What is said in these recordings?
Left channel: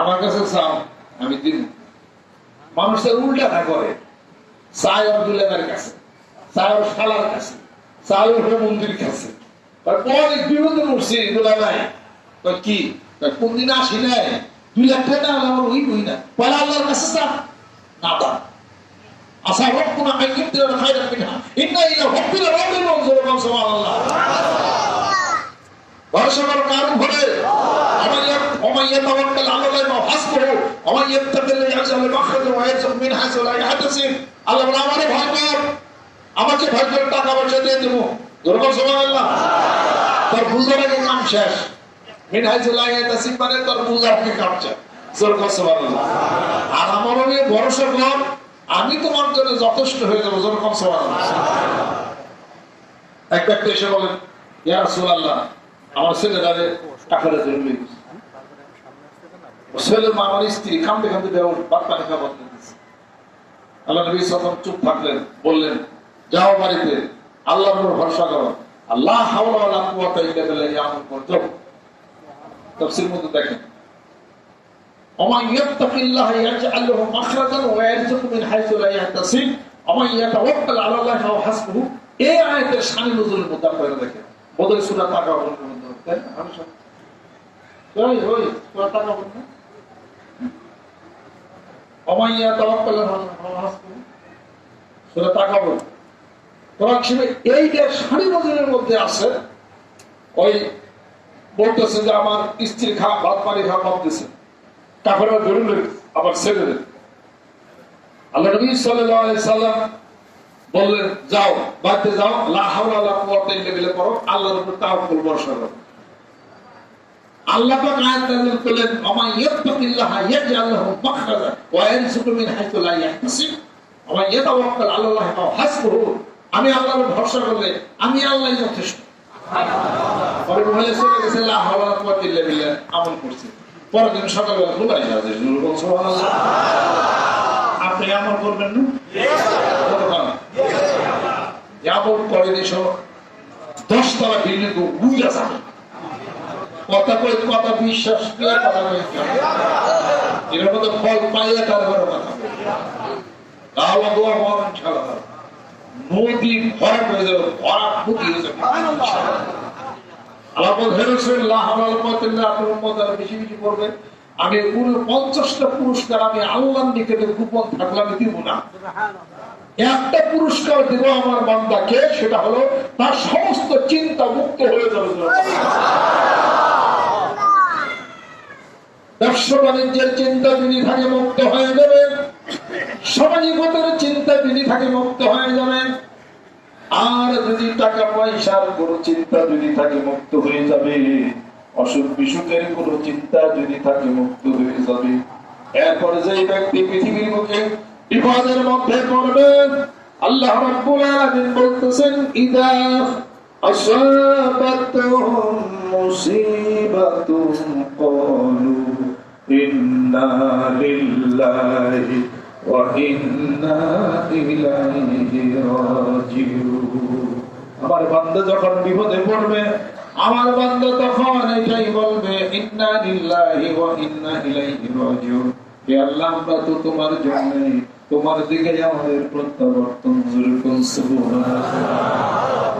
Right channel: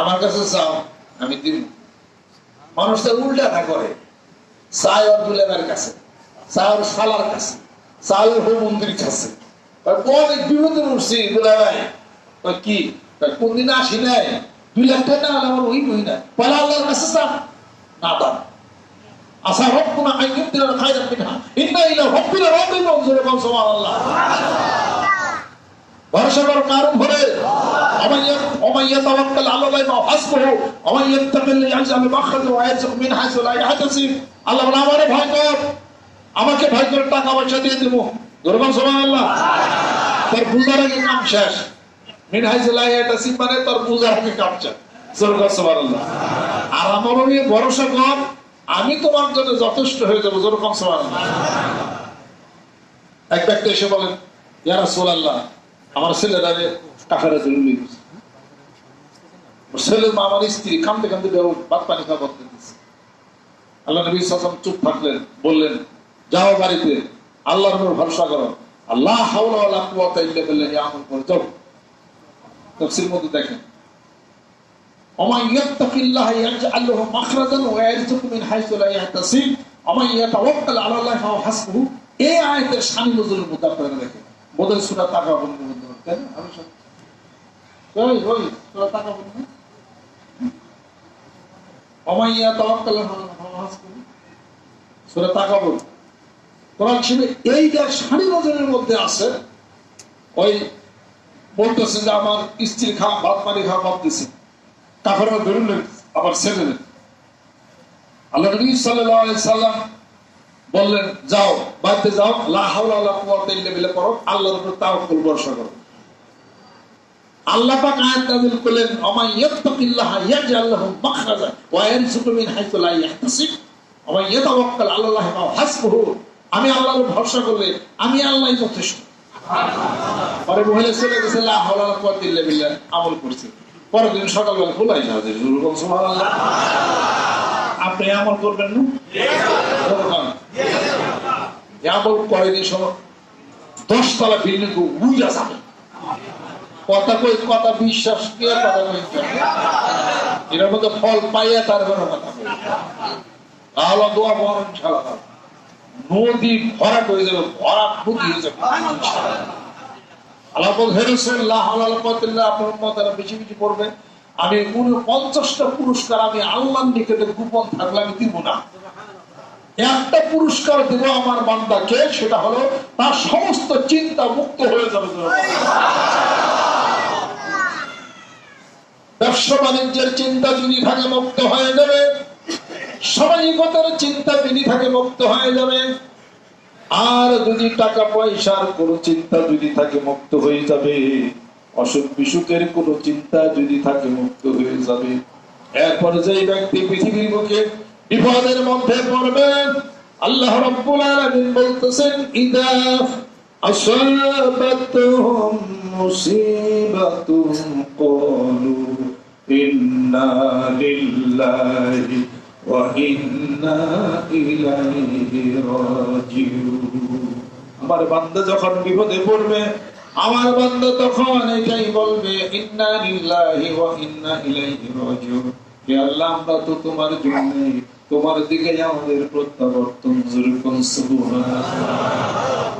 আমার কাছে চাও, আমি দিব। মানুষের উল্টা না করে, চায় ওর দুলের কাছে, চায় ওর সালার কাছে, চায় ওর মন্দির কাছে। অনেক বিপদে উঠছি দুলা ভাই, কি কোন দিন আসি নাই, 2 লাখ টাকা আমার ওই বই না, পরে আল্লাহর কাছে চাপ না দাম। আশা হোক কোন আইনের খাই রাখবি না, ইন্না ইলা হব্বিল রব্বি মনজুর কম সুবহানাল্লাহ। ভরসা করার কারণ হলে ওমাইয়া তাওয়াক্কাল আলাল্লাহি ওয়া হাসবুহু ওয়া ইয়াত্তাকিল্লাহ ইয়াজআল মাখরাজা ওয়া ইয়ারযুকহু মিন হাইসু লা ইয়াহতাসিব। আল্লাহ বলে আমারে ভয় কর, আমাকে ভয় করে টাকা পয়সা দিয়ে দেব। জোরে সুবহানাল্লাহ। তার বুঝার আগে কাম শেষ। মিন হাইসু লা ইয়াহতাসিব মানে তার বুঝার আগে কাম শেষ। জোরে সুবহানাল্লাহ। আর আমার নিয়ে ভরসা কর, আমি তোমার জন্য যথেষ্ট হয়ে যাবো। জোরে সুবহানাল্লাহ। এক ব্যক্তি এসে বলেন, ইয়া রাসূলুল্লাহ, আমার ছেলেরা টাকাটা জরুরি, ছেলের মা আমার স্ত্রী কান্দে কান্দে ভাত পানি খাওয়া বন্ধ দিচ্ছে। আল্লাহ নবী সাল্লাল্লাহু আলাইহি ওয়াসাল্লাম চুপ থাকলেন, বললেন, যাও বাড়িতে আল্লাহর উপর ভরসা করো, আল্লাহ হাওলা ওয়ালা কুওয়াতা ইল্লা বিল্লাহি আমল করো। যাও। তাফসীর মধ্যে দেখেন, ওমা ইয়াত্তাকিল্লাহ ইয়াজআল লাহু মাখরাজান ওয়া ইয়ারযুকহু মিন হাইসু লা ইয়াহতাসিব ওমা ইয়াতাওয়াক্কাল আলাল্লাহি ওয়া হাসবুহু। এই আয়াতের শান নজুলের মধ্যে আপনারা দেখেন, বোধ সূরা তাকাবুনের মধ্যে কেন আমি সব ওই সূরা তাকাবুন ওমা ইয়াতাওয়াক্কাল আলাল্লাহি ওয়া হাসবুহু, সূরা তাকাবুন কোরআন শরীফে এইটার শান নজুলের মধ্যে আছে। ওই বলতেছে যে আমার স্ত্রী ভাত পানি খাওয়া বাদ দিছে, কাফেররা ধরুন আবার ছেড়ে দেন। আল্লাহ নবী সাল্লাল্লাহু আলাইহি সাল্লাম বললেন, যাও বাড়িতে যাও, লা হাওলা ওয়ালা কুওয়াতা ইল্লা বিল্লাহ করো, আল্লাহর উপর তাওয়াক্কুল ভরসা করো। আল্লাহ পাক আয়াত নাযিল করলেন, ওমা ইয়াত্তাকিল্লাহা ইয়াজআল লাহু মাখরাজা ওয়া ইয়ারযুকহু মিন হাইসু লা ইয়াহতাসিব ওয়া ইয়াতাওয়াক্কাল আলাল্লাহি ওয়া হাসবুহু। আমি আল্লাহর ভরসা করলে আমি আল্লাহই যথেষ্ট। পরে মহিলা ছেলে গেছে, লা হাওলা ওয়ালা কুওয়াতা ইল্লা বিল্লাহ আমল করছে। পরের দিন সকালবেলা ভুলাই যাবে, সুবহানাল্লাহ। আপনি আমল করবেন না? আমল করে সব 10 তলা বিল্ডিং বুঝা যাবে, কথা কই কথা বিশ্বাস করে কথা কই এর মধ্যে ফল পাইয়া তারপরে আল্লাহ দোয়া করেন ইনশাআল্লাহ, নদী ভরা করে যাবে, ভরা খুঁটি হয়ে যাবে আল্লাহ বলছেন, লা হাওলা ওয়ালা কুওয়াতা ইল্লা বিল্লাহ। আপনার উম্মতরা বেশি বেশি পড়বে, আমি 49টা পুরস্কার আমি আল্লাহর নিকটে গোপন থাকলে আমি দিব না। একটা পুরস্কার দিব আমার বান্দাকে, সেটা হলো তার সমস্ত চিন্তা মুক্ত হয়ে যাবে। ব্যবসা বাণিজ্যের চিন্তা যদি থাকে মুক্ত হয়ে যাবে, সামাজিকতার চিন্তা যদি থাকে মুক্ত হয়ে যাবে, আর যদি টাকা পয়সার কোন চিন্তা যদি থাকে মুক্ত হয়ে যাবে, অসুখ বিসুখের কোন চিন্তা যদি থাকে মুক্ত হয়ে যাবে। এরপর যে ব্যক্তি পৃথিবীর মুখে বিপদের মধ্যে পড়বে, আল্লাহ রাব্বুল আলামিন বলতেছেন, ইদা আসাবাতুহুম মুসিবাতুন ক্বালু ইন্না লিল্লাহি ওয়া ইন্না ইলাইহি রাজিউন। আমার বান্দা যখন বিপদে পড়বে, আমার বান্দা তখন এটাই বলবে, ইন্না লিল্লাহি ওয়া ইন্না ইলাইহি রাজিউন। হে আল্লাহ, আমরা তো তোমার জন্য, তোমার দিকে আমাদের প্রত্যাবর্তন। যেরকম সুবহানাল্লাহ।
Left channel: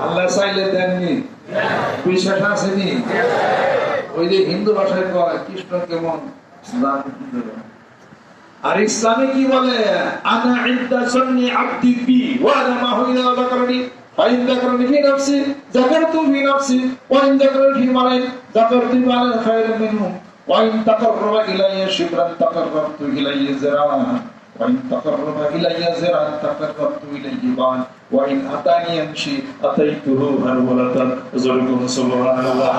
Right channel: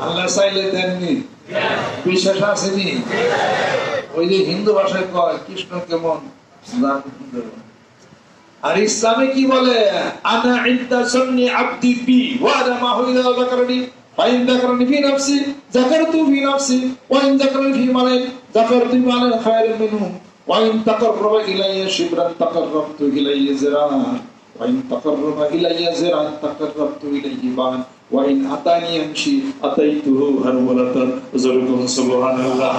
আল্লাহ চাইলে দেননি, বিশ্বাস আসেনি। ওই যে হিন্দু ভাষায় কয় কৃষ্ণ কেমন, আর ইসলামে কি বলে, আনা ইনদা সুন্নি আবদি বি ওয়া আনা মাহু ইযা যাকারনি ফাইন যাকারনি ফি নাফসি যাকারতু ফি নাফসি ওয়া ইন যাকারনি ফি মালাইন যাকারতু মালান খায়রান মিনহু ওয়া ইন তাকাররাবা ইলাইয়া শিবরান তাকাররাবতু ইলাইহি জিরাআন ওয়া ইন তাকাররাবা ইলাইয়া জিরাআন তাকাররাবতু ইলাইহি বা'ন ওয়া ইন আতানি ইয়ামশি আতাইতুহু হারওয়ালাতান। সুবহানাল্লাহ।